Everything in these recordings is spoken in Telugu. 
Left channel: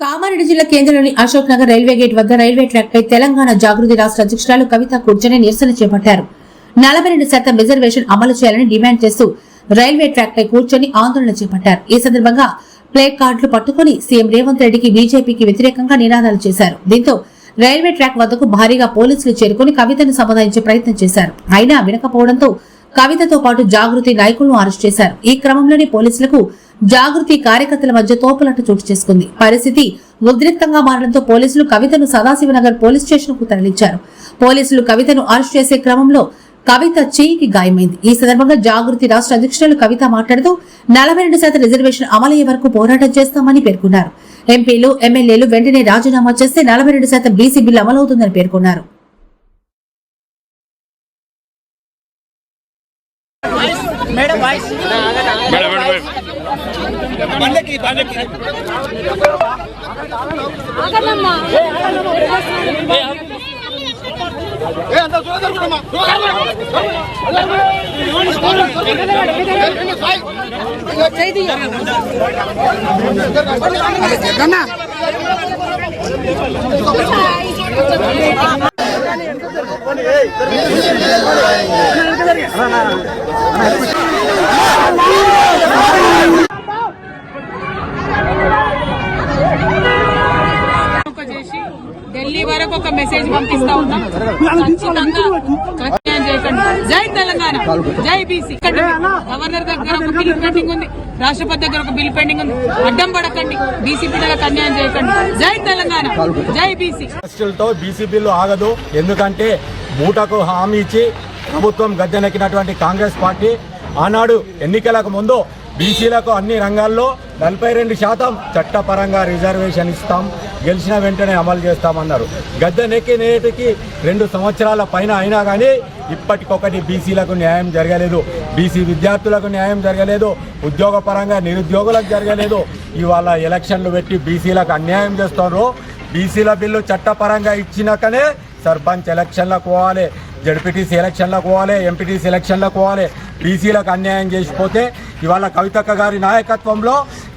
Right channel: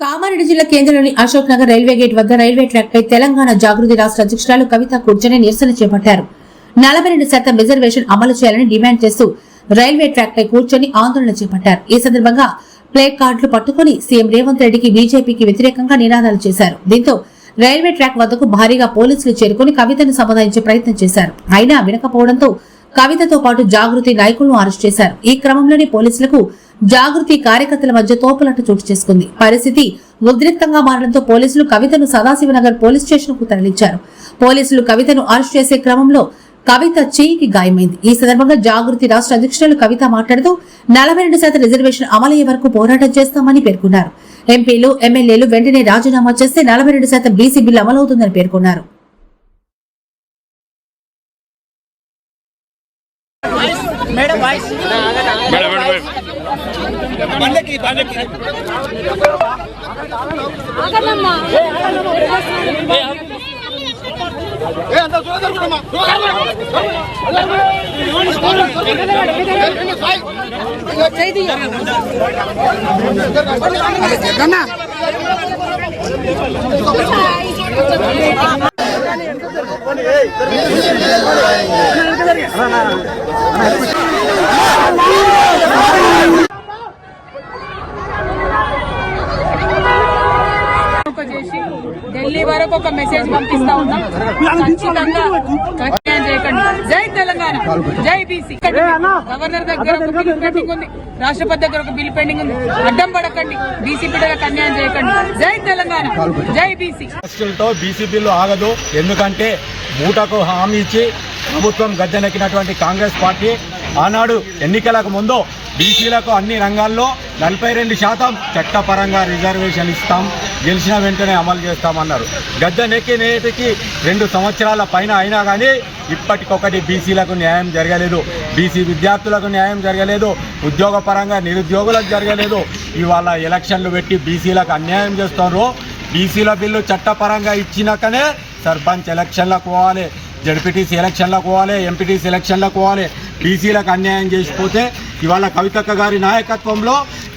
కామారెడ్డి జిల్లా కేంద్రంలోని అశోక్ నగర్ రైల్వే గేట్ వద్ద రైల్వే ట్రాక్ పై తెలంగాణ జాగృతి రాష్ట్ర అధ్యక్షురాలు కవిత కూర్చొని నిరసన చేపట్టారు. నలభై రెండు శాతం రిజర్వేషన్ అమలు చేయాలని డిమాండ్ చేస్తూ రైల్వే ట్రాక్ పై కూర్చొని ఆందోళన చేపట్టారు. ఈ సందర్భంగా ప్లే కార్డులు పట్టుకుని సీఎం రేవంత్ రెడ్డికి బీజేపీకి వ్యతిరేకంగా నినాదాలు చేశారు. దీంతో రైల్వే ట్రాక్ వద్దకు భారీగా పోలీసులు చేరుకుని కవితను సమాధానించే ప్రయత్నం చేశారు. అయినా వినకపోవడంతో కవితతో పాటు జాగృతి నాయకులను అరెస్ట్ చేశారు. ఈ క్రమంలోనే పోలీసులకు జాగృతి కార్యకర్తల మధ్య తోపులాట చోటు చేసుకుంది. పరిస్థితి ఉద్రిక్తంగా మారడంతో పోలీసులు కవితను సదాశివనగర్ పోలీస్ స్టేషన్కు తరలించారు. పోలీసులు కవితను అరెస్ట్ చేసే క్రమంలో కవిత చేయికి గాయమైంది. ఈ సందర్భంగా జాగృతి రాష్ట్ర అధ్యక్షురాలు కవిత మాట్లాడుతూ నలభై రెండు శాతం రిజర్వేషన్ అమలయ్యే వరకు పోరాటం చేస్తామని పేర్కొన్నారు. ఎంపీలు ఎమ్మెల్యేలు వెంటనే రాజీనామా చేస్తే నలభై రెండు శాతం బీసీ బిల్లు అమలవుతుందని పేర్కొన్నారు. Madam voice madam madam madam బండకి బండకి ఒక చేసి ఢిల్లీ వరకు ఒక మెసేజ్ పంపిస్తా ఉన్నాం. ఖచ్చితంగా ప్రత్యాయం చేయకండి జై తెలంగాణ. జై బీసీ. గవర్నర్ దగ్గర ఒక బిల్ పెండింగ్ ఉంది. రాష్ట్రపతి దగ్గర ఒక బిల్ పెండింగ్ ఉంది. అడ్డం పడకండి. బీసీ బిడ్డలకు అన్యాయం చేయకండి. జై తెలంగాణ. జై బీసీ. బీసీ బిల్లు ఆగదు. ఎందుకంటే మూటకు హామీ ఇచ్చి ప్రభుత్వం గద్దెనెక్కినటువంటి కాంగ్రెస్ పార్టీ ఆనాడు ఎన్నికలకు ముందు బీసీలకు అన్ని రంగాల్లో నలభై రెండు శాతం చట్టపరంగా రిజర్వేషన్ ఇస్తాం. గెలిచిన వెంటనే అమలు చేస్తామన్నారు. గద్దెనెక్కి నేటికి రెండు సంవత్సరాల పైన అయినా కానీ ఇప్పటికొకటి బీసీలకు న్యాయం జరగలేదు. బీసీ విద్యార్థులకు న్యాయం జరగలేదు. ఉద్యోగపరంగా నిరుద్యోగులకు జరగలేదు. ఇవాళ ఎలక్షన్లు పెట్టి బీసీలకు అన్యాయం చేస్తున్నారు బీసీల బిల్లు చట్టపరంగా ఇచ్చినాకనే సర్పంచ్ ఎలక్షన్లకు పోవాలి జడ్పీటీసీ ఎలక్షన్లకు పోవాలి ఎంపీటీసీ ఎలక్షన్లకు పోవాలి. బీసీలకు అన్యాయం చేసిపోతే ఇవాళ కవితక్క గారి నాయకత్వంలో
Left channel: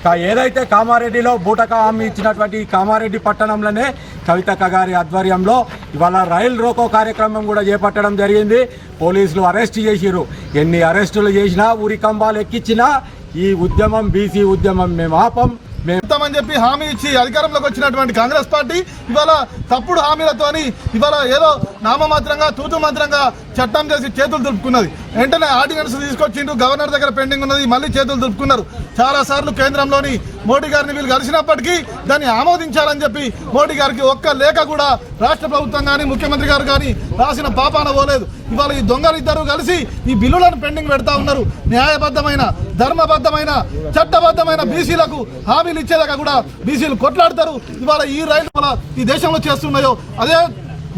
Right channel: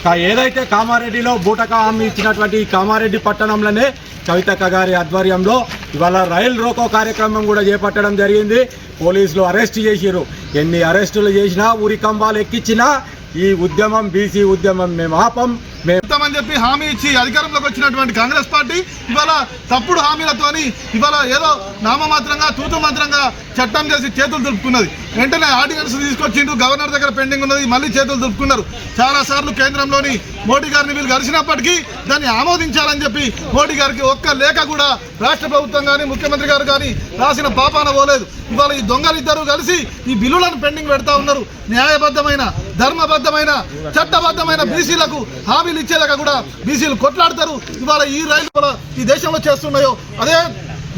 ఏదైతే కామారెడ్డిలో బూటక హామీ ఇచ్చినటువంటి కామారెడ్డి పట్టణంలోనే కవితక్క గారి ఆధ్వర్యంలో ఇవాళ రైలు రోకో కార్యక్రమం కూడా చేపట్టడం జరిగింది. పోలీసులు అరెస్ట్ చేసిరు ఎన్ని అరెస్టులు చేసినా ఊరి కంబాలు ఎక్కించినా ఈ ఉద్యమం బీసీ ఉద్యమం మేము ఆపం మేము చెప్పి హామీ ఇచ్చి అధికారంలోకి వచ్చినటువంటి కాంగ్రెస్ పార్టీ ఇవాళ తప్పుడు హామీలతోని ఇవాళ ఏదో నామమాత్రంగా తూతు మాత్రంగా చట్టం చేసి చేతులు దులుపుకున్నది వెంటనే ఆర్డినెన్స్ తీసుకొచ్చిండు గవర్నర్ దగ్గర పెండింగ్ ఉన్నది మళ్ళీ చేతులు దులుపుకున్నారు చాలా సార్లు కేంద్రంలోని మోడీ గారిని వీళ్ళు కలిసినప్పటికీ దాన్ని ఆమోదించాలని చెప్పి మోడీ గారికి ఒక్క లేఖ కూడా రాష్ట్ర ప్రభుత్వం కానీ ముఖ్యమంత్రి గారు కానీ రాసిన పాపాన పోలేదు. ఇవాళ ఈ దొంగలు ఇద్దరు కలిసి ఈ బిల్లులను పెండింగ్ పెడతా ఉన్నారు. న్యాయబద్ధమైన ధర్మబద్ధమైన చట్టబద్ధమైన బీసీలకు హామీలు ఇచ్చేదాకా కూడా బీసీలు కొట్లాడతారు. ఇవాళ ఈ రైలు ఈ దేశంలో చేస్తున్నాయో అదే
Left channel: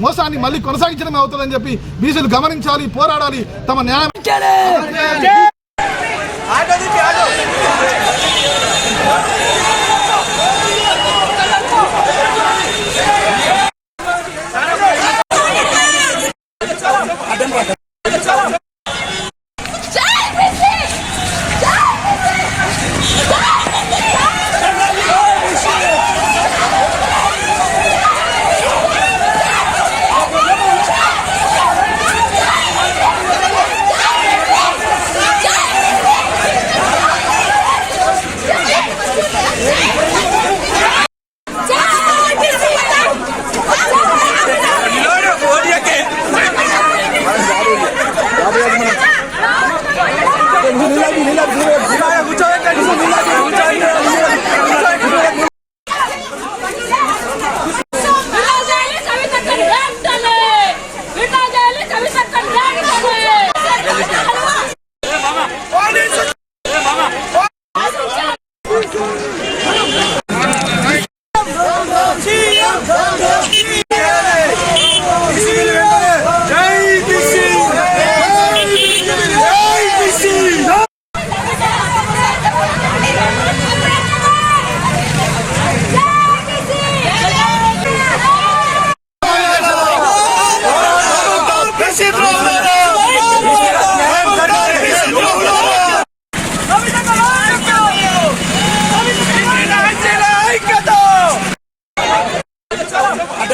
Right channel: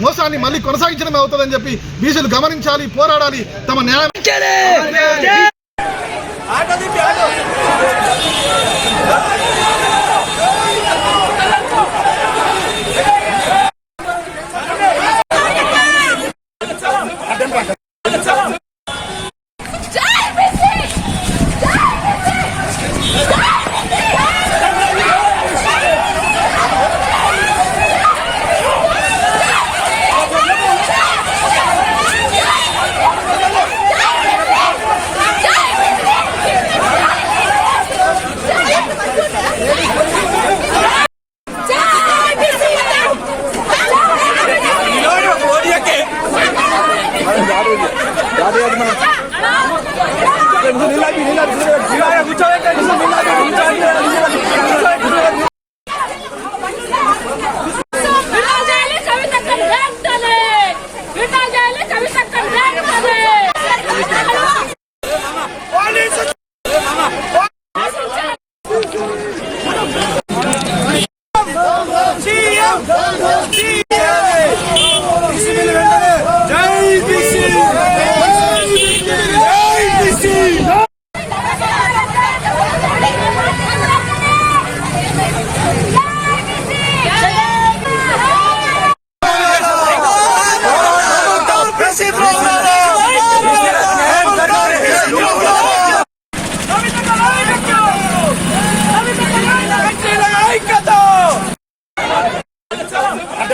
మోసాన్ని మళ్ళీ కొనసాగించడమే అవుతుందని చెప్పి బీసీలు గమనించాలి పోరాడాలి తమ న్యాయం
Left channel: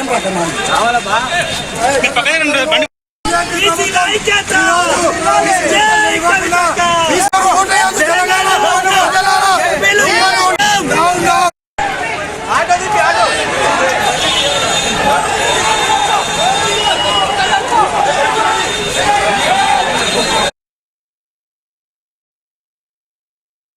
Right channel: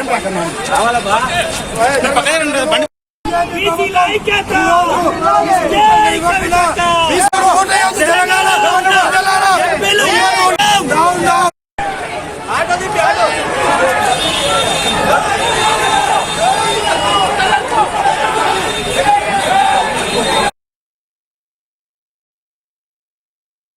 పక్కన రండి,